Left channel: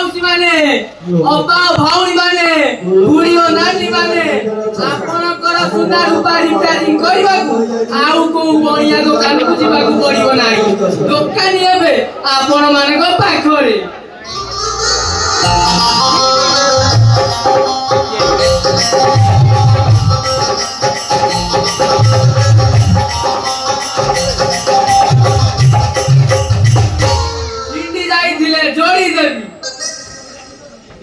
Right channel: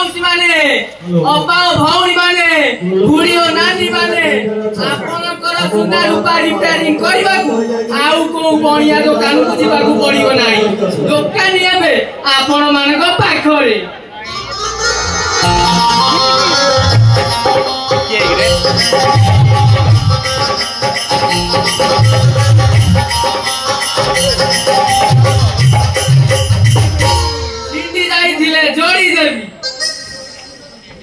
माउसी माने अपा भौणी माने बुढ़ी और नानी माने आपनकर सुना रूपा रिपेयरिंग करबाकू आउ को बणिया दुकान को जीवाकू पड़िबो नाही दुकान हेबे आपण मानक पाखरे सिंडी जाइथिले जोड़ी देबी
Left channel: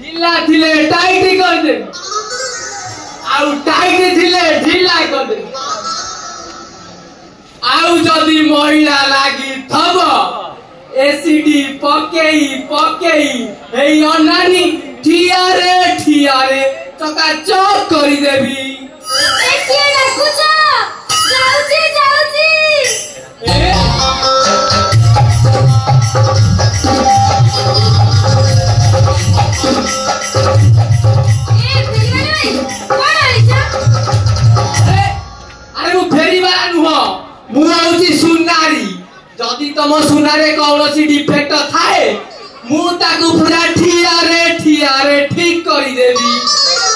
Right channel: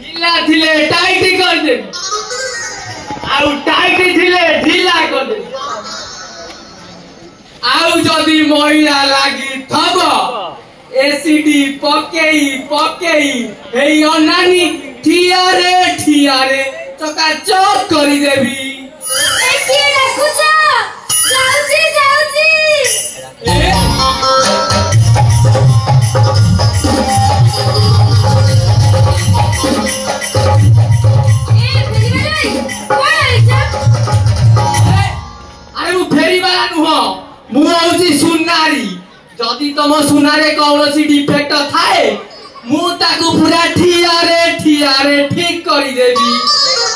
ढीला थिले टाइट कर देबी आउ टाइट थिले ढीला कर देबी आउ जदी महिला लागी थब एसिडी पकेई पकेई एई अनानी ठियारे चका चौक करी देबी एके डाकुछ जाउची ए जदि तुम सुनारे कौन डिफेक्ट थाए मु ताकू पूरा ठियारे ठीक करी देबी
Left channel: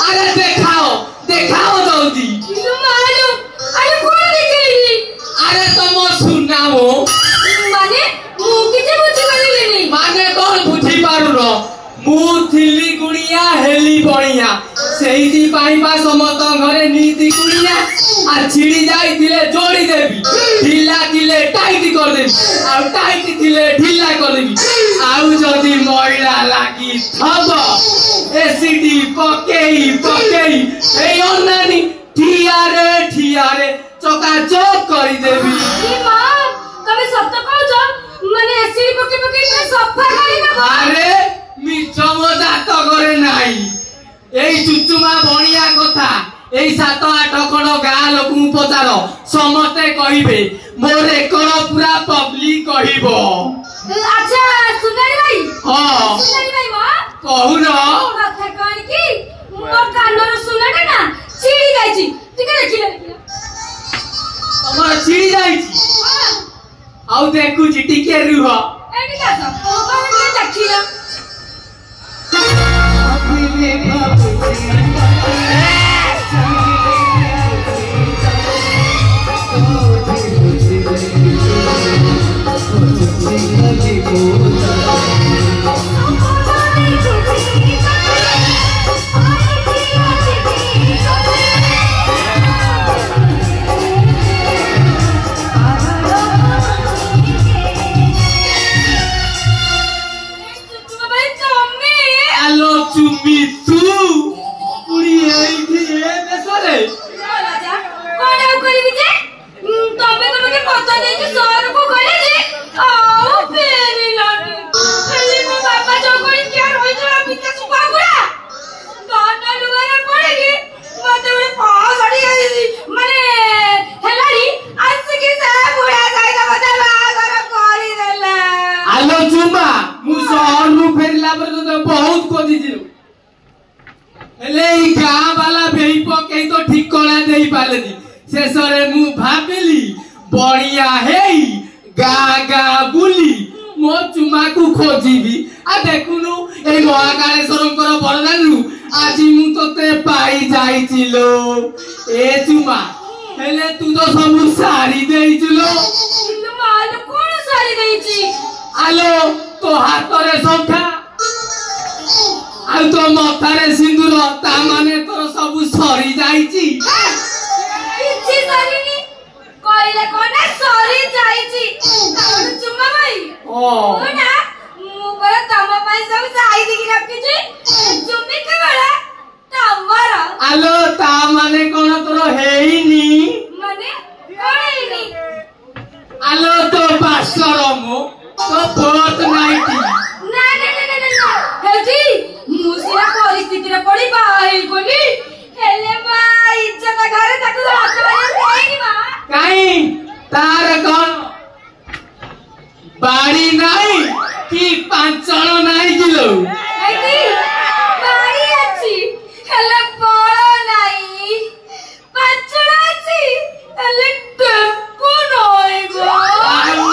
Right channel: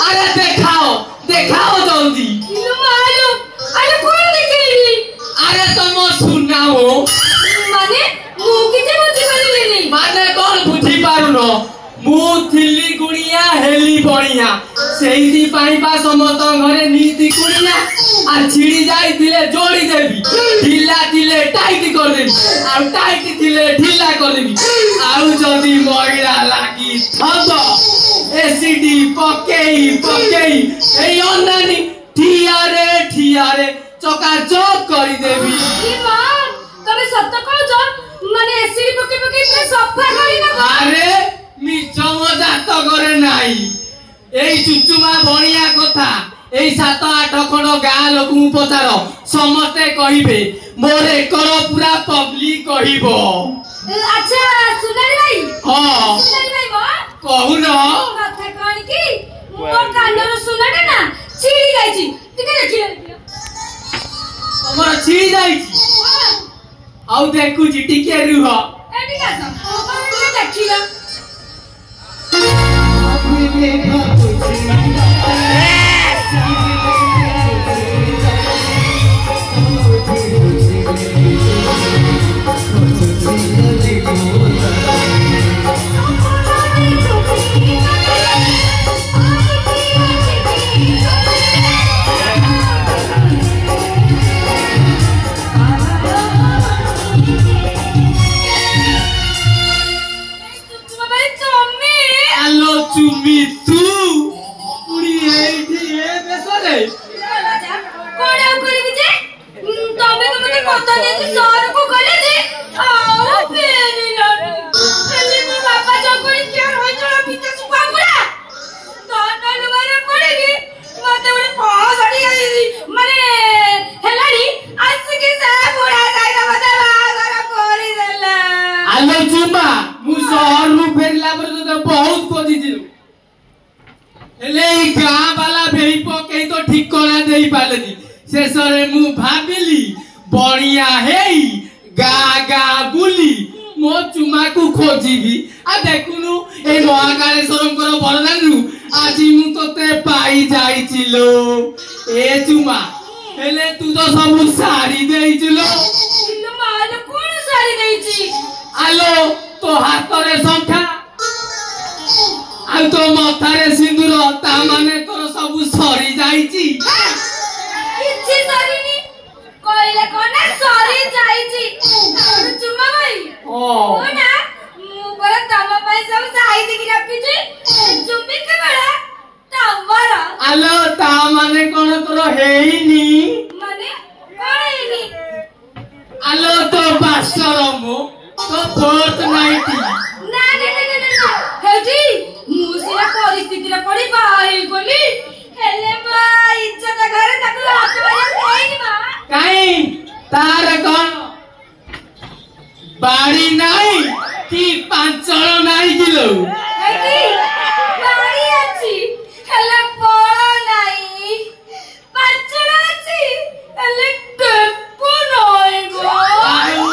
अरे देखाओ देखाओ जल्दी अरे कोन देखेली अरे तुम सुनाओ माने मु किते बुझी पारिलेनी माने कौन बुझी पारुनो मु थिली गुड़िया हेली बणिया सेही पाई बा समस्त घरे नीति गुड़िया आ छिड़ी जाई थिले जोड़ी देबी ढीला थिले टाइट कर देबी आ टाइट थिले ढीला कर देबी आउ जदी महिला लागी थब एसिडी पकेई पकेई ए अनानी ठियारे चका चौक करी देबी ए मां तमे सत्य कहछ माने एसिडी पके पके पूरा सफा करिना अरे मिछ मजाक करे नाही एई चुचुमा बणिया कथा एई 7-8 खंड गाँ लोक पचार समस्ते कहिबे मोर एकर पूरा पब्लिक कहिबो अच्छा सुनारी भाई हां सुनारी भाई मां कहू न कथा कोन की मोर कानर सुनाडे ना छिड़ी जाईची टिके देखिले हमर छिड़ी जाईची आउ देखु जी टिके रुह एटी का सब कोन के देखिला अभी देखा शेषरे मु भाबिली बणिया हेई गा बुली मो चुमा को खोजिबी आ देखुनु ए महाकालेश्वरंकर बरदानरु आजी मु तोते पाई जाईचिलो ए चुमा हेले तू तो सब सारी देइचिलो इल्लो माल कोन सारी देइची आलो तो हाथ रे संखा आ तो मथारे सिंदूर ता माने तोर सब सरी जाईची किछि सरीनी कोइले कोना सरी जाईची चुम्मा भाई ओ ना मु पर तम पाई सब साई दिखि रखिची चुम्मी के बड़ा तमरा आलो ता माने कोन तोर हेइनी माने कोन हेइनी आलो तो बासरमो तो बहुत नाइटी ना हेजी मुसिया परिस्थिति रे पड़ी बाई बोली हेले बा इज्जत घरे ताकू हाथ मारे कोइनी बा काई तार कोन बाड़ी नाही कि पांचण नाही किलो हेजी बाड़ी अछि हेले बड़ नाही पांचण अछि हेले टेपो नाही गो आउ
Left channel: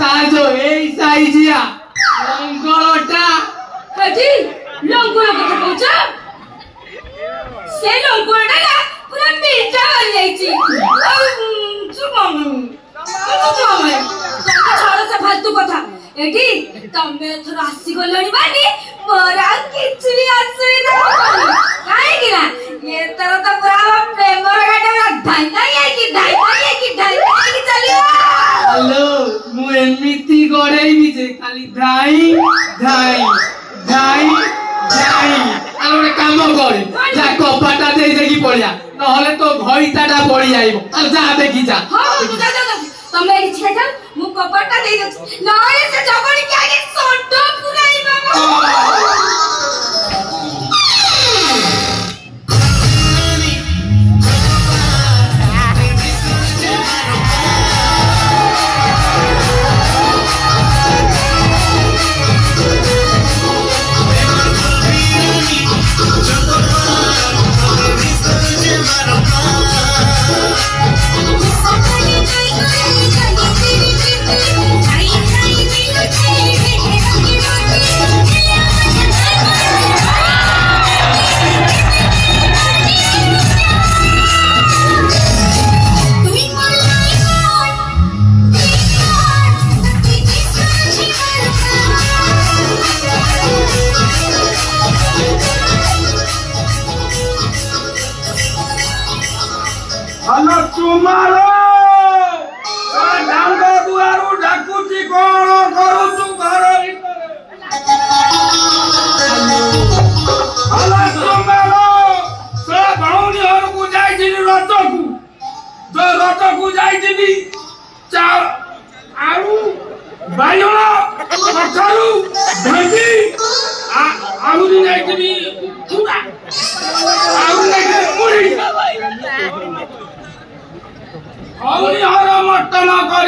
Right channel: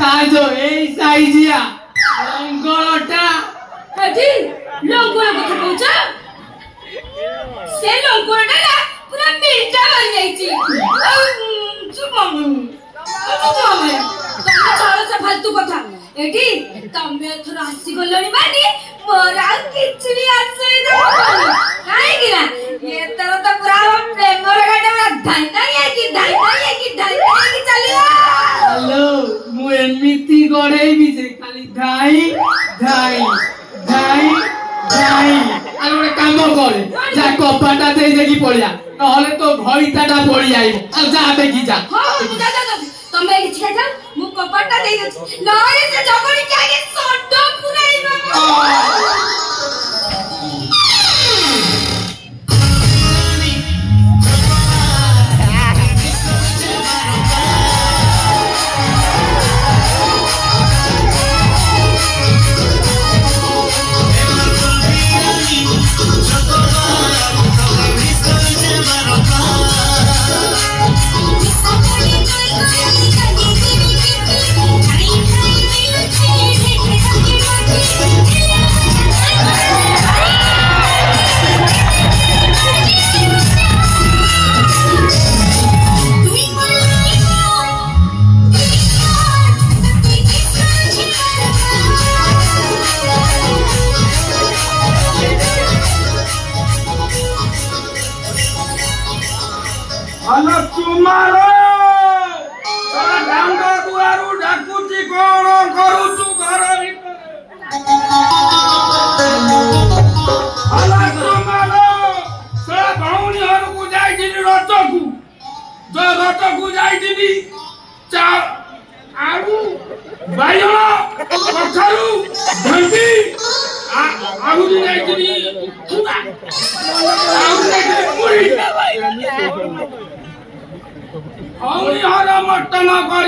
ता जो एई साइजिया मंगलटा ଏଠି ଲଙ୍ଗୁର କଥା କହୁଛ? ସେ ଲଙ୍ଗୁରଟା ନା ପୁରା ମିଠା ମାରି ଯାଇଛି। ତମେ ଛାଡ଼ ସେ ଫାଲତୁ କଥା। ଏଠି ତମେ ଏଥର ଆସିଗଲଣି ମାନେ ମୋର ଆଉ କିଛି ବି ଅସୁବିଧା ହବନି। କାହିଁକି ନା ଏଥର ତ ପୁରା ଆମ ପ୍ରେମର ଗାଡି ଧାଇ ଚାଲିବ। ହ୍ୟାଲୋ, ମୁଁ ଏମିତି ଗড়େଇବି ଯେ ଖାଲି ଧାଇ ଧାଇ ଧାଇ ଧାଇ। ଆଉ ଗୋଟେ କାମ କରେ, ଯା କପାଟା ଦେଇ ଦେଇକି ପଳେଇଆ, ନହେଲେ ତୋ ଘଇତାଟା ପଳେଇ ଆଇବ। ଆଉ ଯା ଦେଖି ଯା। ତମେ ଏଠି ଛିଡ଼ା ଯାଅ, ମୁଁ କବାଟଟା ଦେଇ ଦେଉଛି, ନହେଲେ ସେ ଜଗଣିକି ଆଗେ ଷଣ୍ଢ ପୁରାଇବ। हलो तुम्हारो डांग दुआरू डाकुची कोण करूचु घर हलो तुम्हारो से भौनी हर को जाइदिनी रतकु जो रतकु जाइदिनी चा आलू बायण कठारू भेंडी आहुरी जाइदिनी चुड़ा आहुरी जाइदिनी मुड़ी हर मटन कर